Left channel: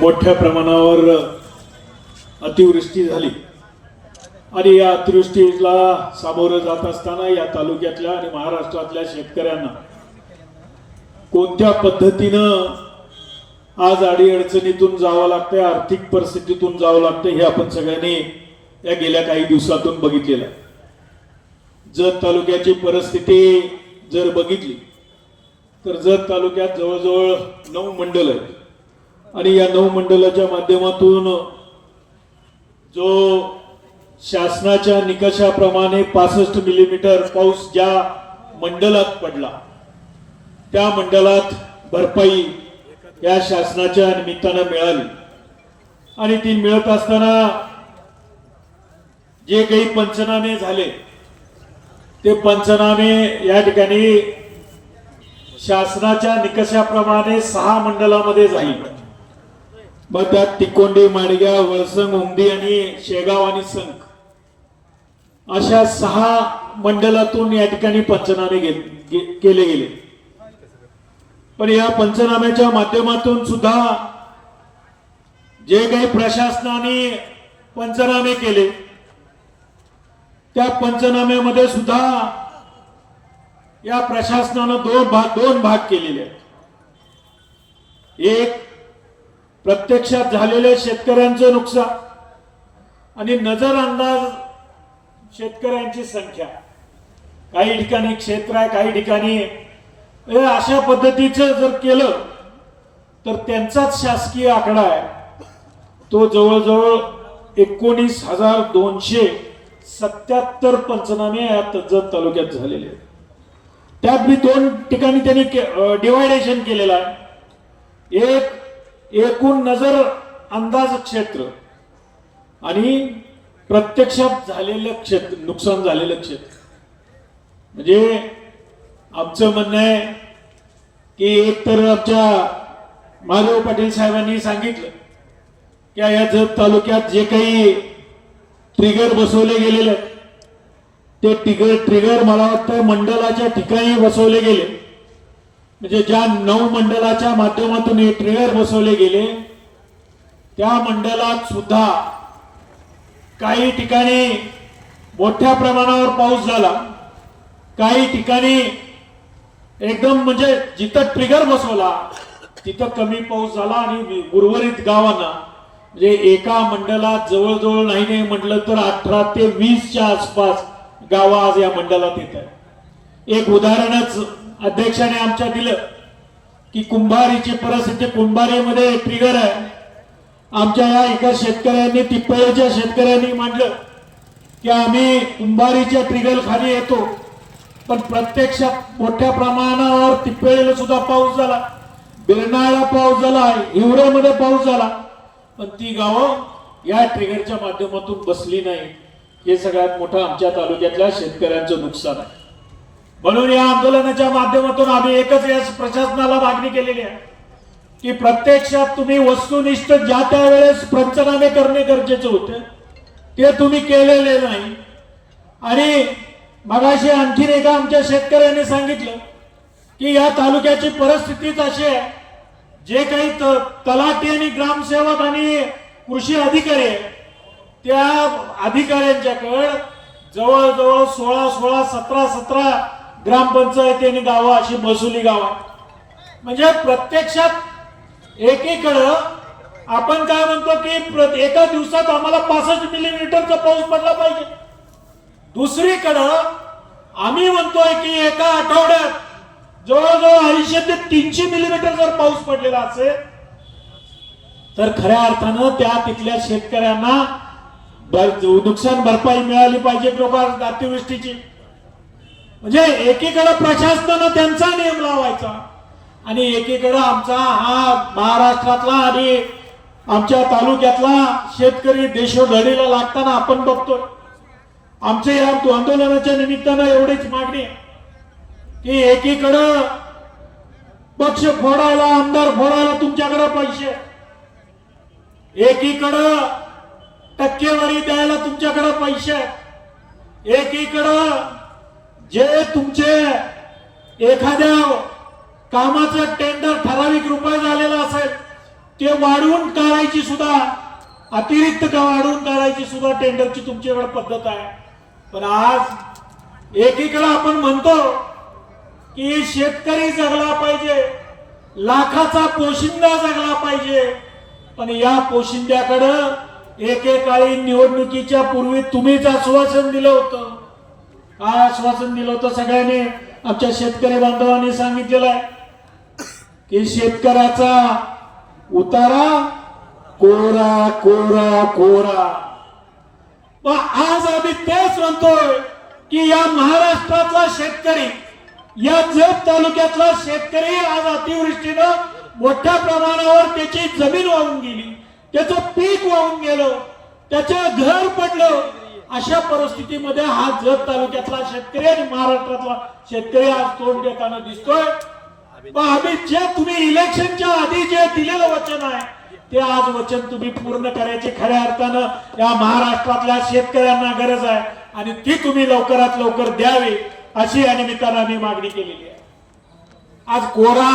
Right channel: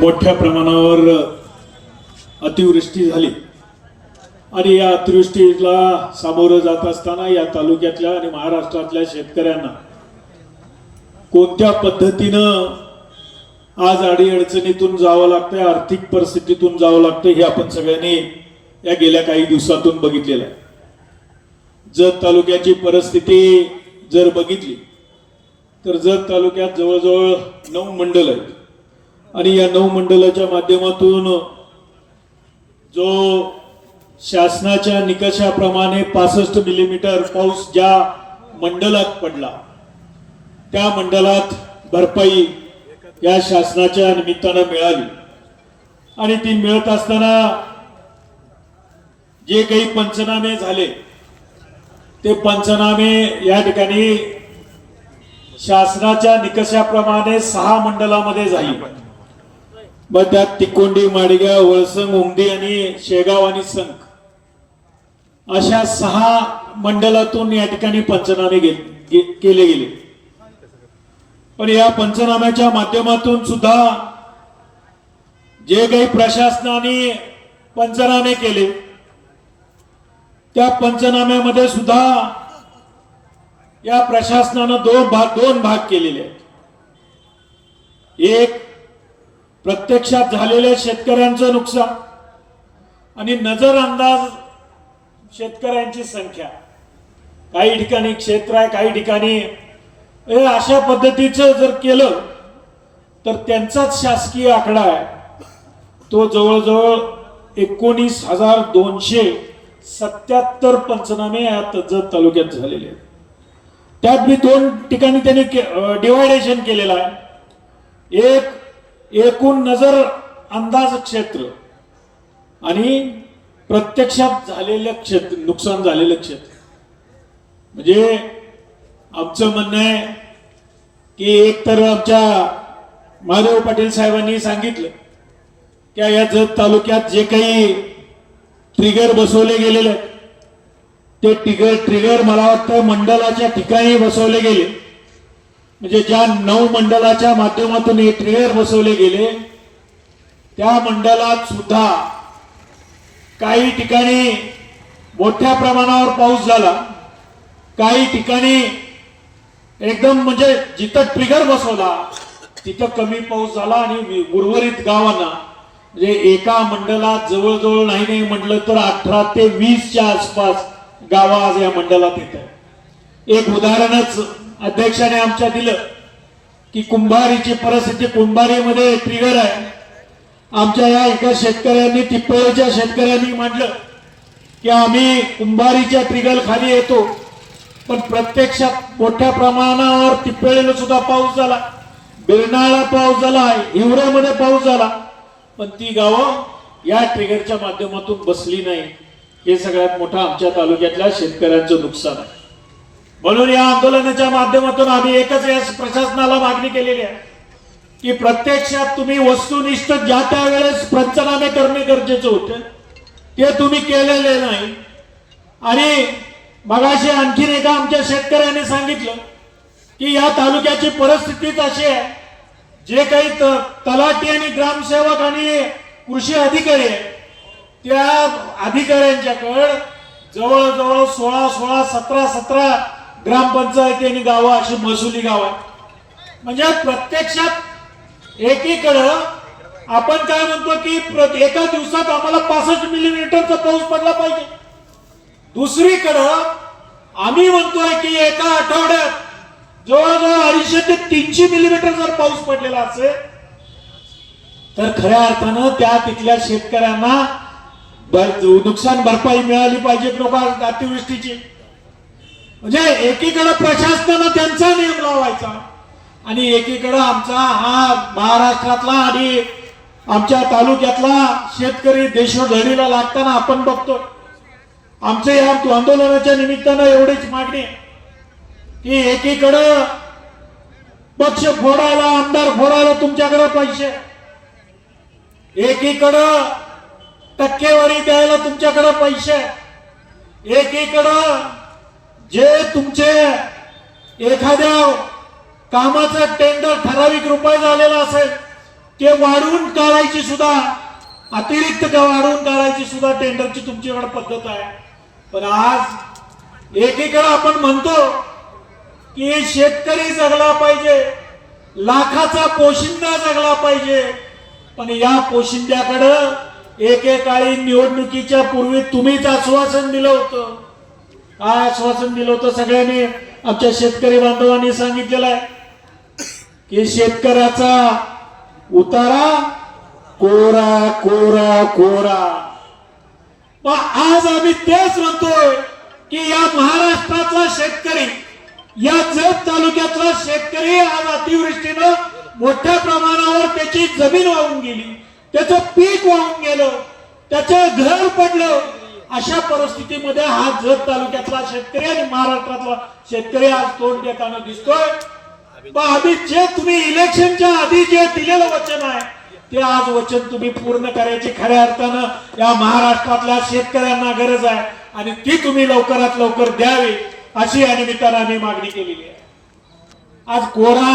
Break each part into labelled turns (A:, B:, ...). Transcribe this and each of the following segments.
A: मोठ्या प्रमाणावर अतिवृष्टी झाली आणि या अतिवृष्टीला सामोरं जात असताना या तालुक्यातल्या आणि महाराष्ट्रातल्या शेतकऱ्यांना कोणत्या पद्धतीनं आज अडीअडचणीतून जावं लागतंय आर्थिक परिस्थितीतून जावं लागतं हे आपण सगळ्यांनी या गेल्या काही दिवसातून बघितलेलं आहे जत तालुक्याची परिस्थिती जर बघितली तर जत तालुक्यात जवळजवळ नऊ मंडल आहेत आणि या नऊ मंडळाच्या माध्यमातून जो शासनाच्या निकषाप्रमाणे पासष्ट मिलीमीटर पाऊस ज्या मंडळात पडला त्या मंडळात भरपाई या शासनाच्या निमित्तानं मिळाली आणि ती मिळत असताना जे काही पंचनामे झाले ते पंचनामे या ठिकाणी शासनाच्या निकषाप्रमाणे सहा मंडळामध्ये झाली मग तिकोंडी माडगाव वळसंग उमदी आणि शेगाव आणि संख अशा सहा मंडळातून या ठिकाणी पंचनामे केले गेले पण या पंचनाम्याच्या माध्यमातून सुद्धा जे काही प्रशासनाने पंचनामे केले त्या पंचनाम्यामध्ये सुद्धा या प्रशासनानं दोन भाग दोन भाग केलेले आहेत एक प्रत्यक्षात झालेल्या शेतकऱ्यांचं नुकसान आणि नजर अंदाज शेतकऱ्यांची संख्या काही ठिकाणी क्षेत्र आहे काही ठिकाणी अशा पद्धतीचं जर केलं तर त्यांचाच शासकीय आकडा आहे तो जवळजवळ एकोणीस हजार दोनशे सत्याहत्तर पंचनामे या तज्जत तालुक्यात झालेले आहेत त्यात मी दोन ठिकाणी त्यांनी डिवायडेशन केलेलं आहे एक एकूण नजर अंदाज क्षेत्र आणि प्रत्यक्षात झालेलं क्षेत्र नुकसान झालेलं क्षेत्र म्हणजे आमचं म्हणणं आहे की एक तर आमच्या महादेव पाटील साहेबांनी सांगितलं की या जत तालुक्यात जे काही ट्रिगर बसवले गेलेले ते ट्रिगर ट्रिगर मला वाटतं मंडळाच्या ठिकाणी बसवले गेले म्हणजे ज्या नऊ मंडळाच्या माध्यमातून हे ट्रेलर बसवले गेले त्या मंडळात सुद्धा काही ठिकाणी मोठ्या प्रमाणावर पाऊस झाला काही ठिकाणी एकदम म्हणजे जिथं ट्रिगर बसवला तिथं कमी पाऊस झाला आणि उर्वरित गावांना म्हणजे एका मंडळात जवळजवळ नाही नाही म्हटलं तर अठरा ते वीसच्या आसपास गावं आज या मंडळात येत एक उदाहरणच अध्यक्षाने आमच्या दिलं की कुंभारीची परिस्थिती कुंभारीमध्ये ट्रिगर आहे आमच्या या एका शेतकऱ्यांनी टिप्परच्या शेतकऱ्यांनी मांडलं की आम्ही कुंभारीच्या ट्रिगर खाली येतो पण प्रत्यक्षात मोठ्या प्रमाणावर टिप्पळीला सुद्धा पाऊस झाला बिरणाला पाऊस झाला हिवऱ्यामध्ये पाऊस झाला पण ती गावं या ट्रिगरच्या माध्यमातून बसली नाही हे सगळ्यात मोठं आमच्या तालुक्यातल्या शेतकऱ्यांचं नुकसान आहे म्हणून या आंदोलनाच्या माध्यमातून आम्ही एकच या प्रशासनाला मागणी केलेली आहे की प्रत्यक्षात तुम्ही वस्तुनिष्ठ ज्या त्यावेळेस पंचनामे करणे गरजेचं होते ते तुम्ही केलेले नाही आणि मगाशी आणखीन एका आमच्या शेतकऱ्याने सांगितलं की या तालुक्याची परिस्थितीच अशी आहे जे काही तलाठी आणि ग्रामसेवक आणि कृषी अधिकारी त्या अधिकाऱ्यांच्याकडे जवळजवळ सोळा सोळा सतरा सतरा ग्रामपंचायती आणि गाव अशी महसुली गाव आहे म्हणजे प्रत्यक्षात एकीकडं आपण काय म्हणतो की एका दिवसात आम्हाला पासष्ट मिलीमीटरचा पाऊस पडला पाहिजे दुसरीकडं आम्ही म्हणतोय की एका आठवड्यात जवळजवळ अडीचशे ते तीनशे मिलीमीटर जर पाऊस पडलेला असेल तर खऱ्या अर्थानं त्या तिथल्या शेतकऱ्यांना नुकसान भरपाई मिळाली पाहिजे प्रभार अतिवृष्टीची म्हणजे एकीकडे प्रशासनानं त्यांचा नियम लावायचा आणि एकीकडं आमचा हा महाराष्ट्रातला आणि आमच्या तालुक्यातला शेतकरी देशो लढीला लागताना आपण बघतो आमचे या आंदोलनाच्या निमित्तानं एवढीच मागणी की एकीकडं पक्ष फोडायला आमदार फोडायला तुमच्याकडे पैसे एकीकडं टक्केवारी द्यायला तुमच्याकडे पैसे एकीकडं जे तुमचे एखाद्या कामाचा टेंडर ठराविक रुपये झालेला असेल ते वाढवून काढायची सुद्धा अतिरिक्त वाढवून काढायची सुद्धा टेंडरची तुमच्याकडे पद्धत आहे पण आज एकीकडे आपण म्हणतो की शेतकरी जगला पाहिजे लाखाचा पोशिंदा जगला पाहिजे पण या पोशिंद्याकडं एकेकाळी निवडणुकीच्या पूर्वी तुम्हीच आश्वासन दिलं होतं काय आश्वासन दिलं होतं सगळ्यांनी आमच्या शेतकरी बांधवांनी सांगितलेलं आहे की शेतकऱ्याचा उतारा कोरा कोरा कोरा आज आम्ही तेच म्हणतोय की या महाराष्ट्रातला शेतकरी या जत तालुक्यातला शेतकरी आज अतिवृष्टीनं मोठ्या प्रमाणावर त्याची जमीन वाहून गेली त्याचं पीक वाहून गेलं त्याचं घर पडलं अशा परिस्थितीमध्ये हा जत तालुक्यातला शेतकरी आणि महाराष्ट्रातला शेतकरी आज तोंड देताना दिसतोय जे तुम्ही इलेक्शनच्या आधी जे दिलेलं वचन आहे ते आज वचन तुम्ही पूर्ण करायचे खऱ्या अर्थानं या महाराष्ट्रातल्या शेतकऱ्यांना गरज आहे आणि ती तुम्ही लवकरात लवकर द्यावी अशी या निमित्तानं आम्ही मागणी केलेली आहे आज कोरा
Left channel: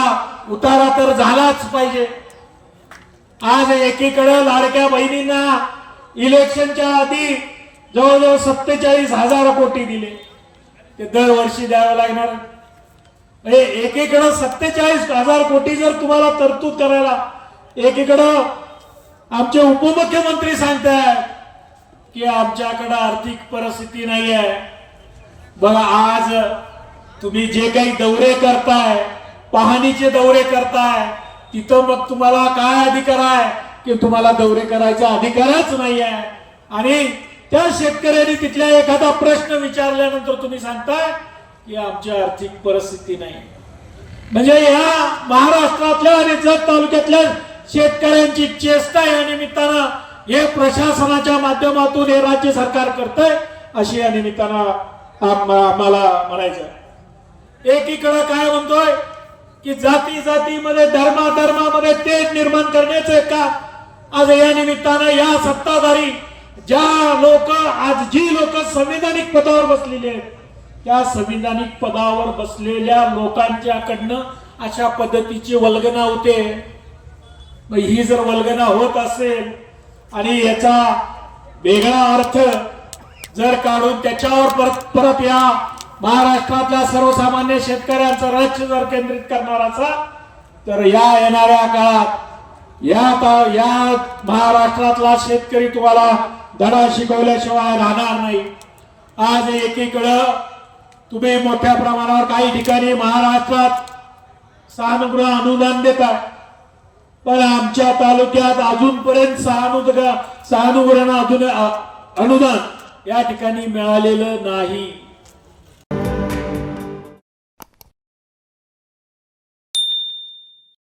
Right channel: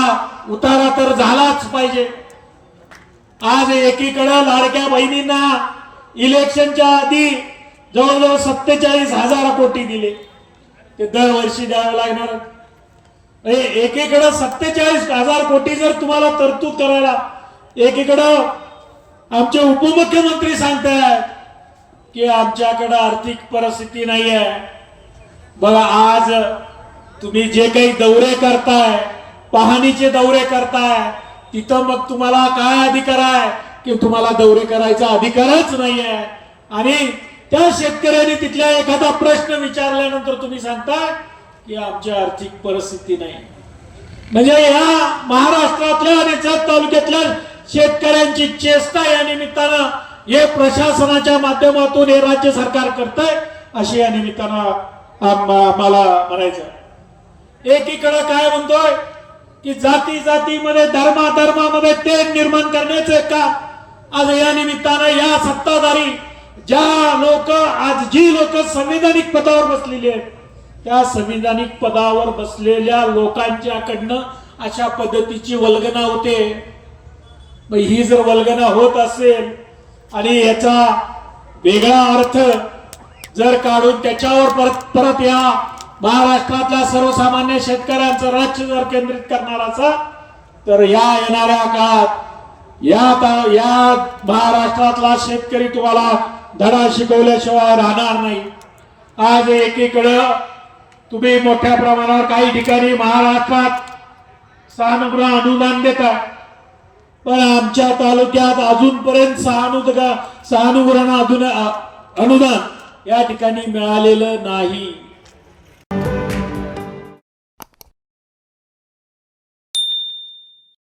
A: उतारा तर झालाच पाहिजे आज एकीकडे लाडक्या बहिणींना इलेक्शनच्या आधी जवळजवळ सत्तेचाळीस हजार कोटी दिले ते दरवर्षी द्यावे लागणार हे एकीकडं सत्तेचाळीस हजार कोटी जर तुम्हाला तरतूद करायला एकीकडं आमचे उपमुख्यमंत्री सांगतायत की आमच्याकडं आर्थिक परिस्थिती नाही आहे बघा आज तुम्ही जे काही दौरे करताय पाहणीचे दौरे करताय तिथं मग तुम्हाला काय अधिकार आहे की तुम्हाला दौरे करायचा अधिकारच नाही आहे आणि त्या शेतकऱ्याने तिथल्या एखादा प्रश्न विचारल्यानंतर तुम्ही सांगताय की आमची आर्थिक परिस्थिती नाही म्हणजे ह्या महाराष्ट्रातल्या आणि जत तालुक्यातल्या शेतकऱ्यांची चेष्टा या निमित्तानं हे प्रशासनाच्या माध्यमातून हे राज्य सरकार करतंय अशी या निमित्तानं आम्हाला म्हणायचं एकीकडं काय म्हणतोय की जाती जातीमध्ये धर्मा धर्मामध्ये ते निर्माण करण्याचं का आज या निमित्तानं या सत्ताधारी ज्या लोक आज जी लोक संविधानिक पदावर बसलेली आहेत त्या संविधानिक पदावर बसलेल्या लोकांच्याकडनं अशा पद्धतीची वल्गना होते ही जर वल्गना होत असेल आणि याचा वेगळा अर्थ जर काढून त्याच्यावर परत परत या महाराष्ट्रातल्या सर्वसामान्य शेतकऱ्यांचं राज्य जर केंद्रित करणार असा तर या येणाऱ्या काळात या महाराष्ट्रातला शेतकरी तुम्हाला धडा शिकवल्याशिवाय राहणार नाही आज एकीकडं तुम्ही मोठ्या प्रमाणावर काही ठिकाणी महाराष्ट्रात सहानुग्रह अनुदान देता पण आमच्या तालुक्यात अजूनपर्यंत सहानुग्रह सहानुग्रह अनुदान या ठिकाणी मिळालेलं नाही